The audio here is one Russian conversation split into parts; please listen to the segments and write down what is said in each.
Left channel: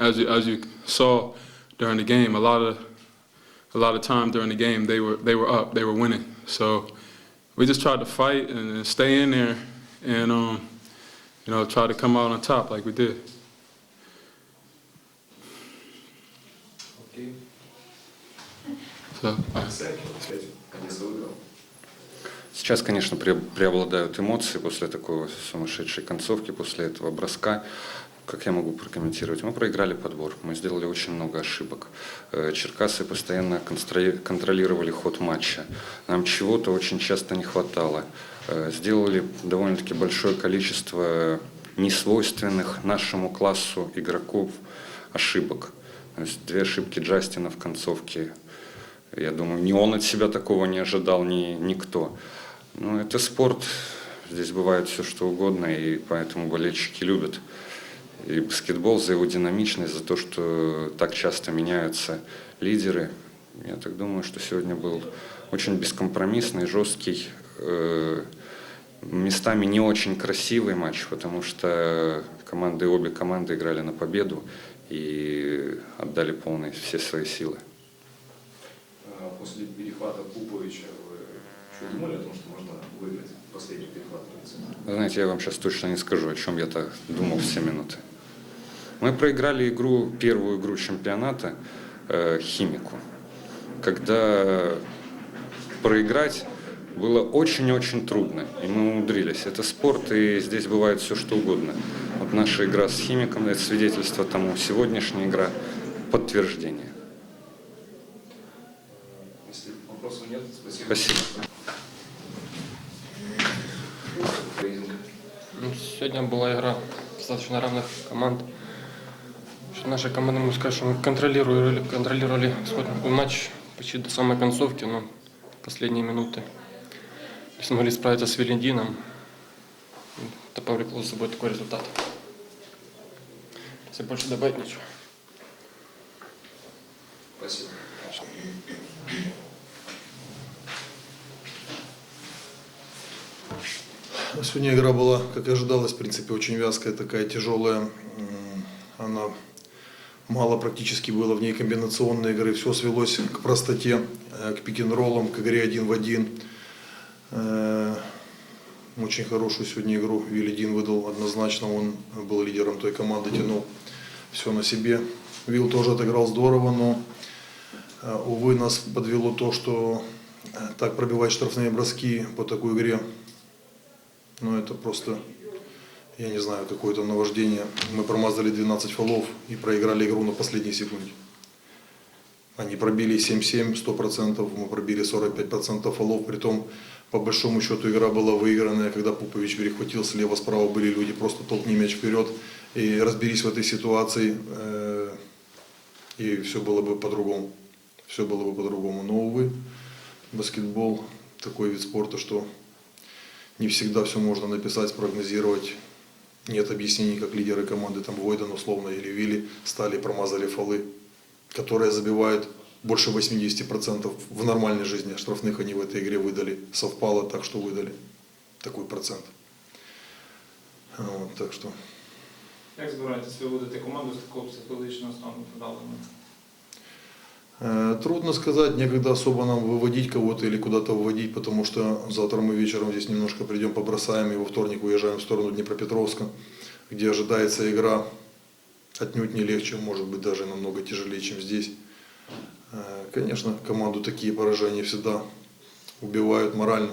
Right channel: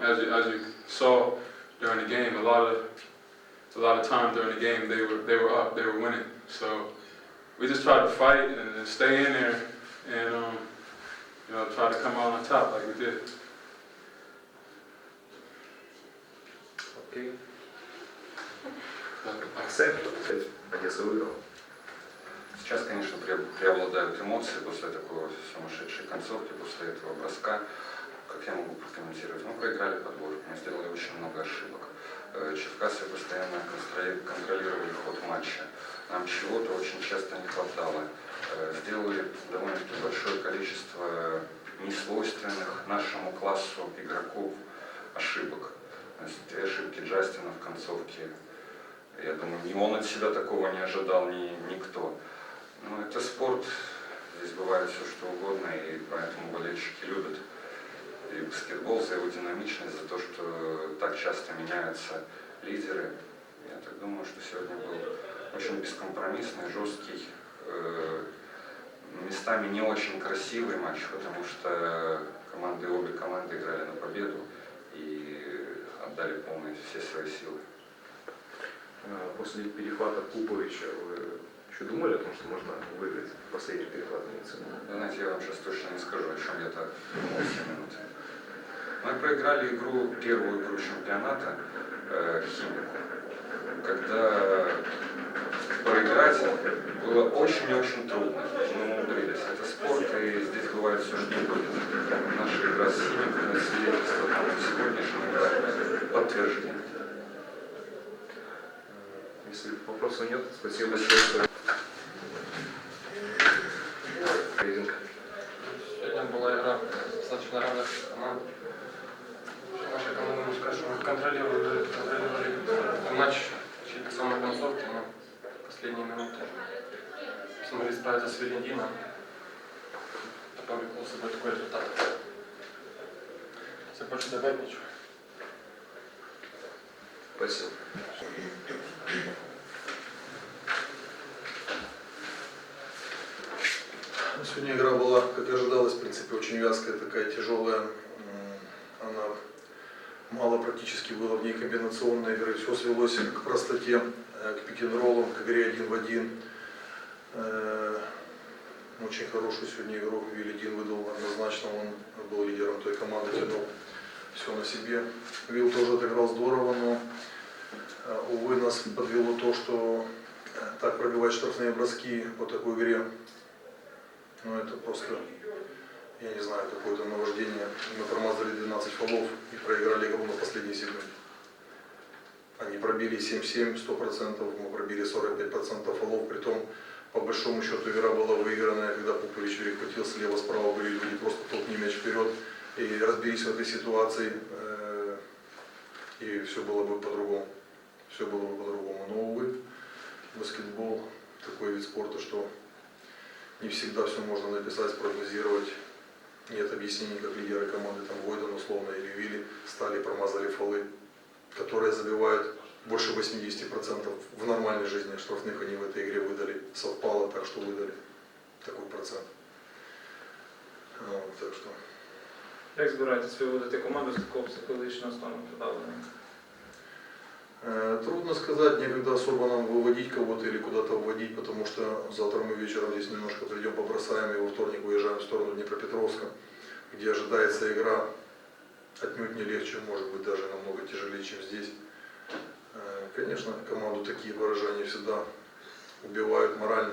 as you, as you saw during the game, a lot of a lot of times during the game they were they were up, they were winning. So we just tried to fight and stay in there and um, you know try to come out on top like we did. Окей. So uh, Сами, кстати, Одесса выиграл. Сейчас, конечно, пре- преобладают эмоции после такой сумасшедшей концовки, после этого броска. Как я могу прокомментировать? Мы проиграли подбор, мы сделали очень много ошибок. Э, Черкасы постоянно контролировали ход матча. Нам чего-то очень часто не хватало. Э, Сделали довольно-таки большое количество несвойственных нашему классу игроков ошибок. Две ошибки Джастина в концовке. Я думаю, ни он от себя такого не ожидал, ни никто. Ну, это спорт, здесь бывает все что угодно, и поэтому болельщики любят и баскетбол за его динамичность, за то, что так часто меняются лидеры. Я так думаю, что сегодня был очень бескомпромиссный, жесткий, э, местами не очень красивый матч, потому что команды, обе команды играли на победу и отдали полные все свои силы. Э, После перехвата Пуповича вы что думали о том, что можно выиграть последний перехват? Знаете, я вам сейчас точно не скажу, о чем я так думал все минуты. Мы проиграли игру, первую игру чемпионата э, Химику, когда проиграть было очень-очень трудно, и мы умудрились. Это спорт, и здесь бывает все что угодно. Вот наша игра с Химиком, это свидетельство тому, сегодняшняя игра – подтверждение. Если вопросов нет, спасибо. Спасибо. Ну, сегодня была игра достаточно равных команд. Наша команда, могу сказать, что мы контролировали, контролировали матч почти до самой концовки, но последние минуты не смогли справиться с Велендином. Это повлекло за собой такой результат. Если больше добавить ничего. Спасибо. Сегодня игра была, как и ожидалось, в принципе, очень вязкая, такая тяжелая. Она мало практически было в ней комбинационной игры. Все свелось к простоте, э, к пик-н-роллам, к игре один в один. Э, Очень хорошую сегодня игру Вилли выдал однозначно. Он был лидером той команды, тянул все на себе. Вилл тоже отыграл здорово, но, э, увы, нас подвело то, что так пробивать штрафные броски по такой игре ну, это просто, я не знаю, какое-то наваждение. Мы промазали 12 фолов и проиграли игру на последней секунде. Они пробили 7-7, 100%, мы пробили 45% фолов, притом, по большому счету, игра была выигранная, когда Пупович перехватил слева, справа были люди, просто толкни мяч вперед и разберись в этой ситуации, э, и все было бы по-другому. Все было бы по-другому. Но, увы, баскетбол такой вид спорта, что не всегда все можно написать, спрогнозировать. Нет объяснений, как лидеры команды, там Войден условно или Вилли, стали и промазали фолы, которые забивают больше 80% в нормальной жизни. Штрафных они в этой игре выдали. Совпало так, что выдали такой процент. Вот, так что Як збираєтесь виводити команду з такого психологічного стану подавлення? Э, Трудно сказать, некогда особо нам выводить кого-то или куда-то выводить, потому что завтра мы вечером здесь немножко придем, побросаем, и во вторник выезжаем в сторону Днепропетровска, где ожидается игра отнюдь не легче, может быть даже намного тяжелее, чем здесь. Э, Конечно, команду такие поражения всегда убивают морально,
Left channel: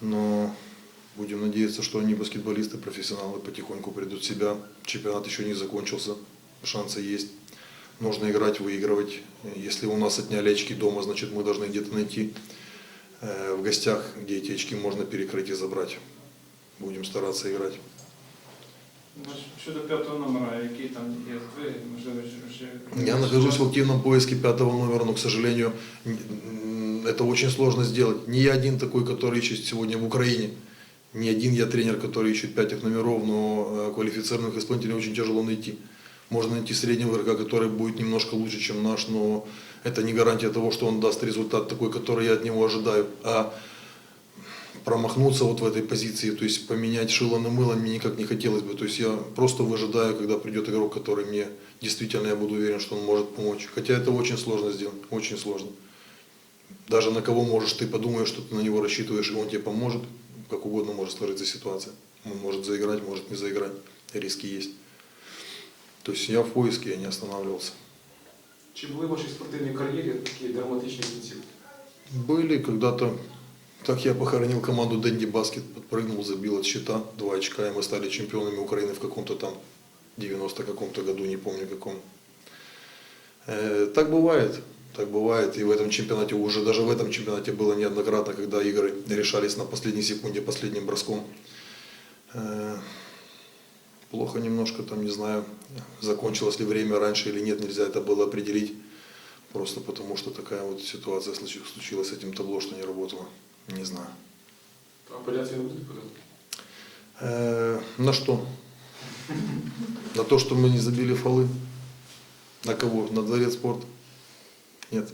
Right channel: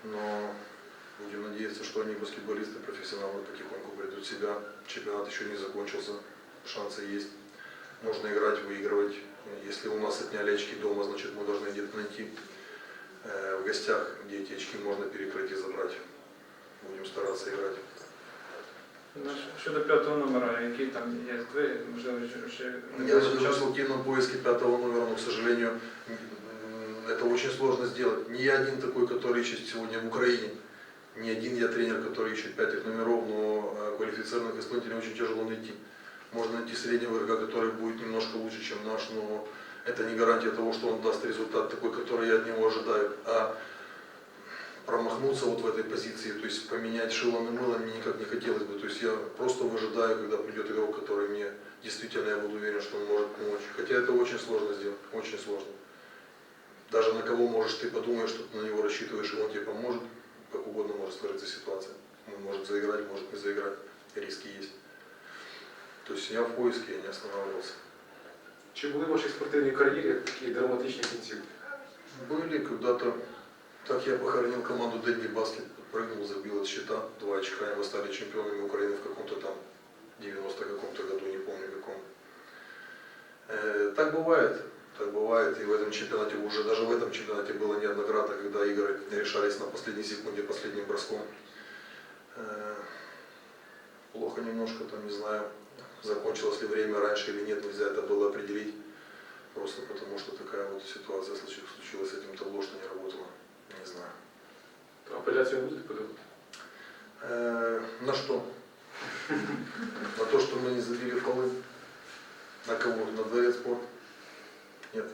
но будем надеяться, что они баскетболисты, профессионалы потихоньку придут в себя. Чемпионат еще не закончился, шансы есть. Нужно играть, выигрывать. Если у нас отняли очки дома, значит мы должны где-то найти э, в гостях, где эти очки можно перекрыть и забрать. Будем стараться играть. Щодо п'ятого номера, який там є здвиги, можливо, вже... Я нахожусь в активном поиске пятого номера, но, к сожалению, это очень сложно сделать. Не я один такой, который ищет сегодня в Украине. Не один я тренер, который ищет пятых номеров, но э, квалифицированных исполнителей очень тяжело найти. Можно найти среднего игрока, который будет немножко лучше, чем наш, но это не гарантия того, что он даст результат такой, который я от него ожидаю. А промахнуться вот в этой позиции, то есть поменять шило на мыло мне никак не хотелось бы. То есть я просто выжидаю, когда придет игрок, который мне действительно я буду уверен, что он может помочь. Хотя это очень сложно сделать, очень сложно. Даже на кого можешь, ты подумаешь, что ты на него рассчитываешь, и он тебе поможет, как угодно может сложиться ситуация. Он может заиграть, может не заиграть, риски есть. То есть я в поиске, я не останавливался. Чи були в вашій спортивній кар'єрі такі драматичні кінцівки? Были когда-то, так я похоронил команду Дэнди Баскет, подпрыгнул, забил от счета, два очка, и мы стали чемпионами Украины в каком-то там 90 каком-то году, не помню каком. Э, так бывает, так бывает, и в этом чемпионате, уже даже в этом чемпионате было неоднократно, когда игры решались на последней секунде, последним броском. Э, плохо немножко, там, не знаю, закончилось ли время раньше или нет, нельзя это было определить. Просто потому, что такая вот ситуация случи- случилась с этим табло, что не работало. Не знаю. Апеляцію не будуть подати? Э, на что? На то, что мы не забили фолы? На кого? На дворец спорта? Нет.